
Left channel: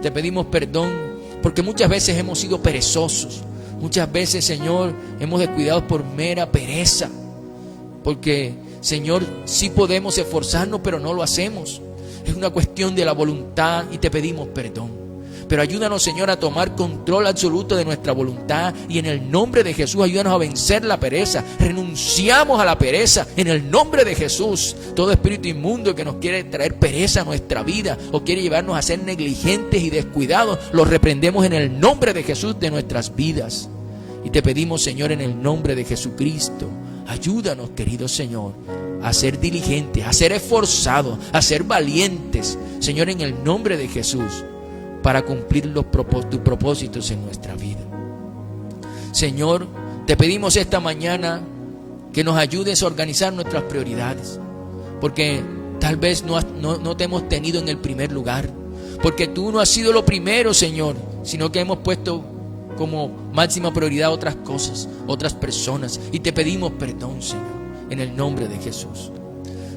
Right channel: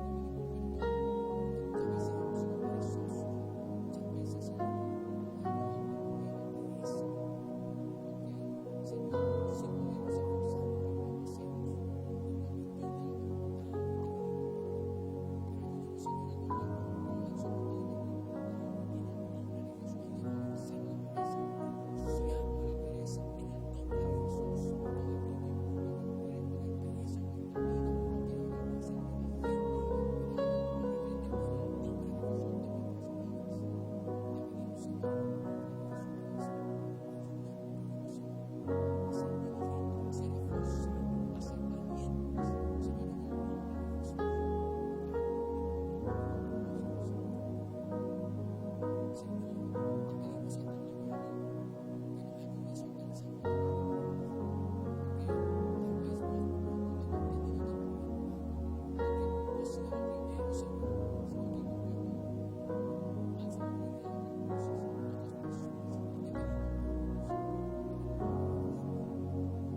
te pedimos perdón porque muchas veces hemos sido perezosos. Muchas veces, Señor, hemos descuidado por mera pereza. Porque, Señor, sí podemos esforzarnos, pero no lo hacemos. Es una cuestión de la voluntad y te pedimos perdón. Pero ayúdanos, Señor, a tomar control absoluto de nuestra voluntad. Y en el nombre de Jesús, ayúdanos a vencer la pereza. Renunciamos a la pereza en el nombre de Jesús. Todo espíritu inmundo que nos quiere traer pereza a nuestra vida o quiere llevarnos a ser negligentes y descuidados, lo reprendemos en el nombre de Jesús de nuestras vidas. Y te pedimos, Señor, en el nombre de Jesucristo, ayúdanos, querido Señor, a ser diligentes, a ser esforzados, a ser valientes, Señor, en el nombre de Jesús, para cumplir tus propósitos en nuestra vida. Señor, te pedimos esta mañana que nos ayudes a organizar nuestras prioridades, porque tal vez no te hemos tenido en el primer lugar, porque tú no has sido lo primero, Señor, sino que hemos puesto como máxima prioridad otras cosas, otras personas, y te pedimos perdón, Señor, en el nombre de Jesús.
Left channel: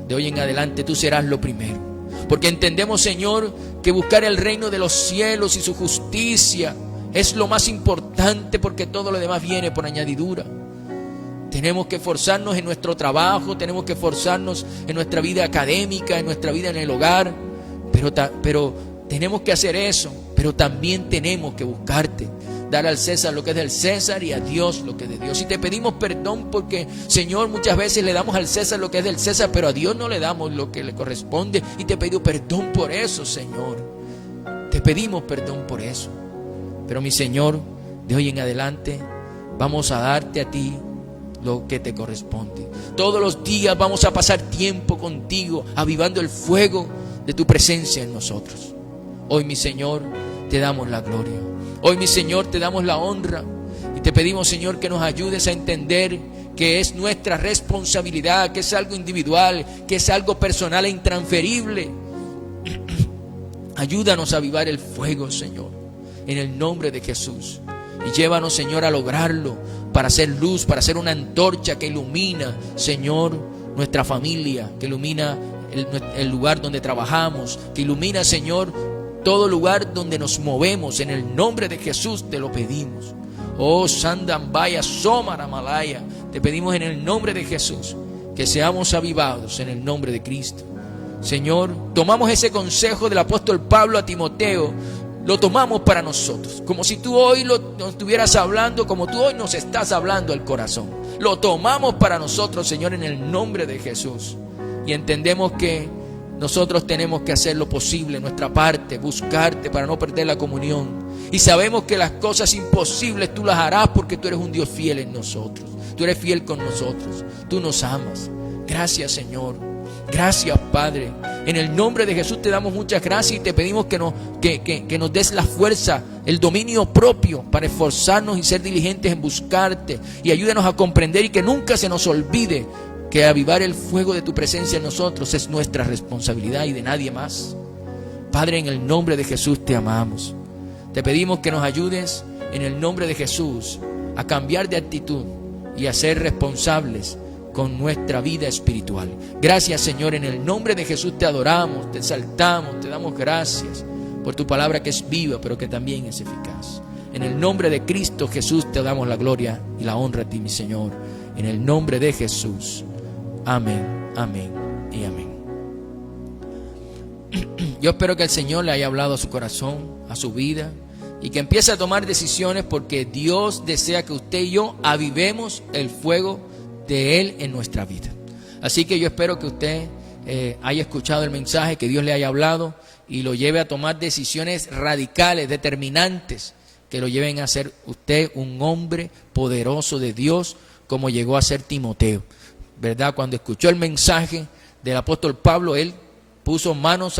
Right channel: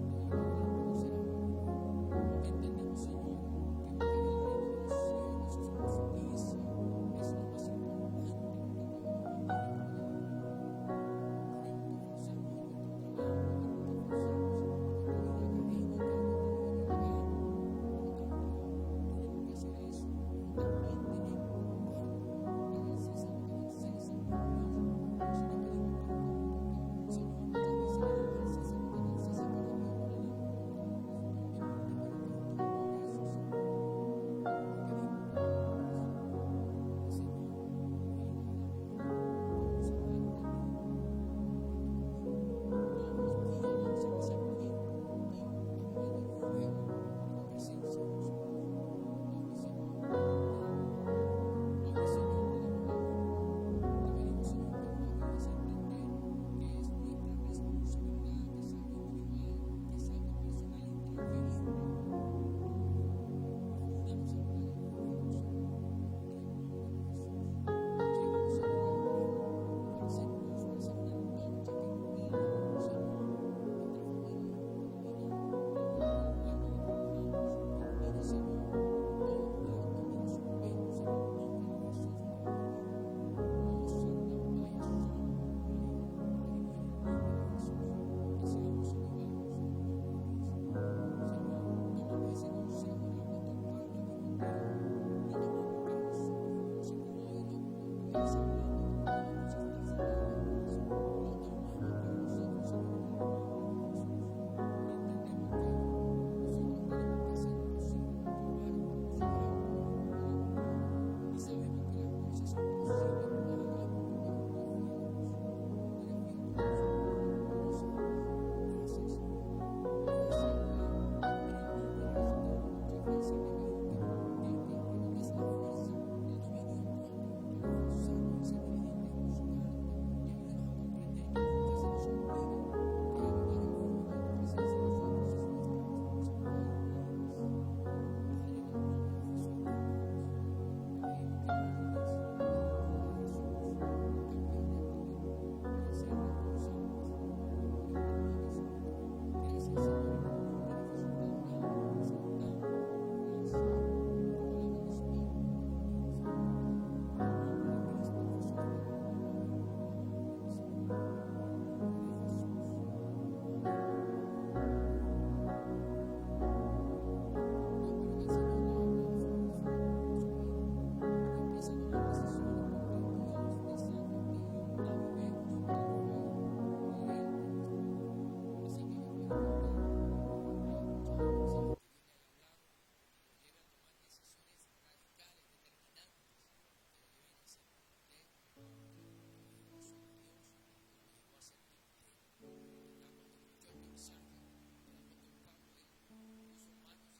De hoy en adelante tú serás lo primero, porque entendemos, Señor, que buscar el reino de los cielos y su justicia es lo más importante, porque todo lo demás viene por añadidura. Tenemos que esforzarnos en nuestro trabajo, tenemos que esforzarnos en nuestra vida académica, en nuestra vida en el hogar, pero tenemos que hacer eso, pero también tenemos que buscarte, dar al César lo que es del César y a Dios lo que es de Dios. Y te pedimos perdón porque, Señor, muchas veces le damos al César lo que es del César, pero a Dios no le damos lo que le corresponde. Y te pido perdón por eso, Señor. Te pedimos perdón por eso. Pero mi Señor, de hoy en adelante vamos a darte a ti lo que te corresponde. Todos los días vamos a pasar tiempo contigo, avivando el fuego de tu presencia en nosotros. Hoy, mi Señor, te damos la gloria. Hoy, mi Señor, te damos la honra. Y te pedimos, Señor, que nos ayudes a entender que es nuestra responsabilidad, que es algo individual, que es algo personal e intransferible. Ayúdanos a avivar el fuego, Señor, en el nombre de Jesús. Y llévanos, Señor, a lograrlo, para hacer luz, para hacer una antorcha que ilumina, Señor, nuestra familia, que ilumina el lugar donde trabajamos, que ilumina, Señor, todo lugar donde nos movemos. En el nombre de Jesús te lo pedimos. Oh Sandambaya Somara Malaya, te pedimos en el nombre de Jesús que seamos avivados en el nombre de Cristo. Señor, tomamos ese consejo del apóstol Pablo a Timoteo, lo tomamos para nosotros, como si tú hoy nos estuvieras hablando, como tú hoy nos estás hablando al corazón. Lo tomamos para nosotros, Señor, en el nombre de Jesús. Y entendemos que nosotros tenemos que hacer lo posible, nuestra parte, buscarte para no perder la comunión. Y sabemos que las cosas imposibles tú las harás, porque tú eres un Dios fiel en nosotros. Tú eres fiel con nosotros. Tú nos amas. Gracias, Señor. Gracias, Padre. En el nombre de Jesús te damos muchas gracias y te pedimos que nos des la fuerza, el dominio propio para esforzarnos y ser diligentes en buscarte. Y ayúdanos a comprender y que nunca se nos olvide que avivar el fuego de tu presencia en nosotros es nuestra responsabilidad y de nadie más. Padre, en el nombre de Jesús te amamos. Te pedimos que nos ayudes en el nombre de Jesús a cambiar de actitud y a ser responsables con nuestra vida espiritual. Gracias, Señor, en el nombre de Jesús te adoramos, te exaltamos, te damos gracias por tu palabra que es viva, pero que también es eficaz. En el nombre de Cristo Jesús te damos la gloria y la honra a ti, mi Señor. En el nombre de Jesús. Amén, amén y amén. Yo espero que el Señor le haya hablado a su corazón, a su vida, y que empiece a tomar decisiones, porque Dios desea que usted y yo avivemos el fuego de Él en nuestra vida. Así que yo espero que usted haya escuchado el mensaje, que Dios le haya hablado y lo lleve a tomar decisiones radicales, determinantes, que lo lleven a ser usted un hombre poderoso de Dios, como llegó a ser Timoteo, ¿verdad? Cuando escuchó el mensaje del apóstol Pablo, él puso manos a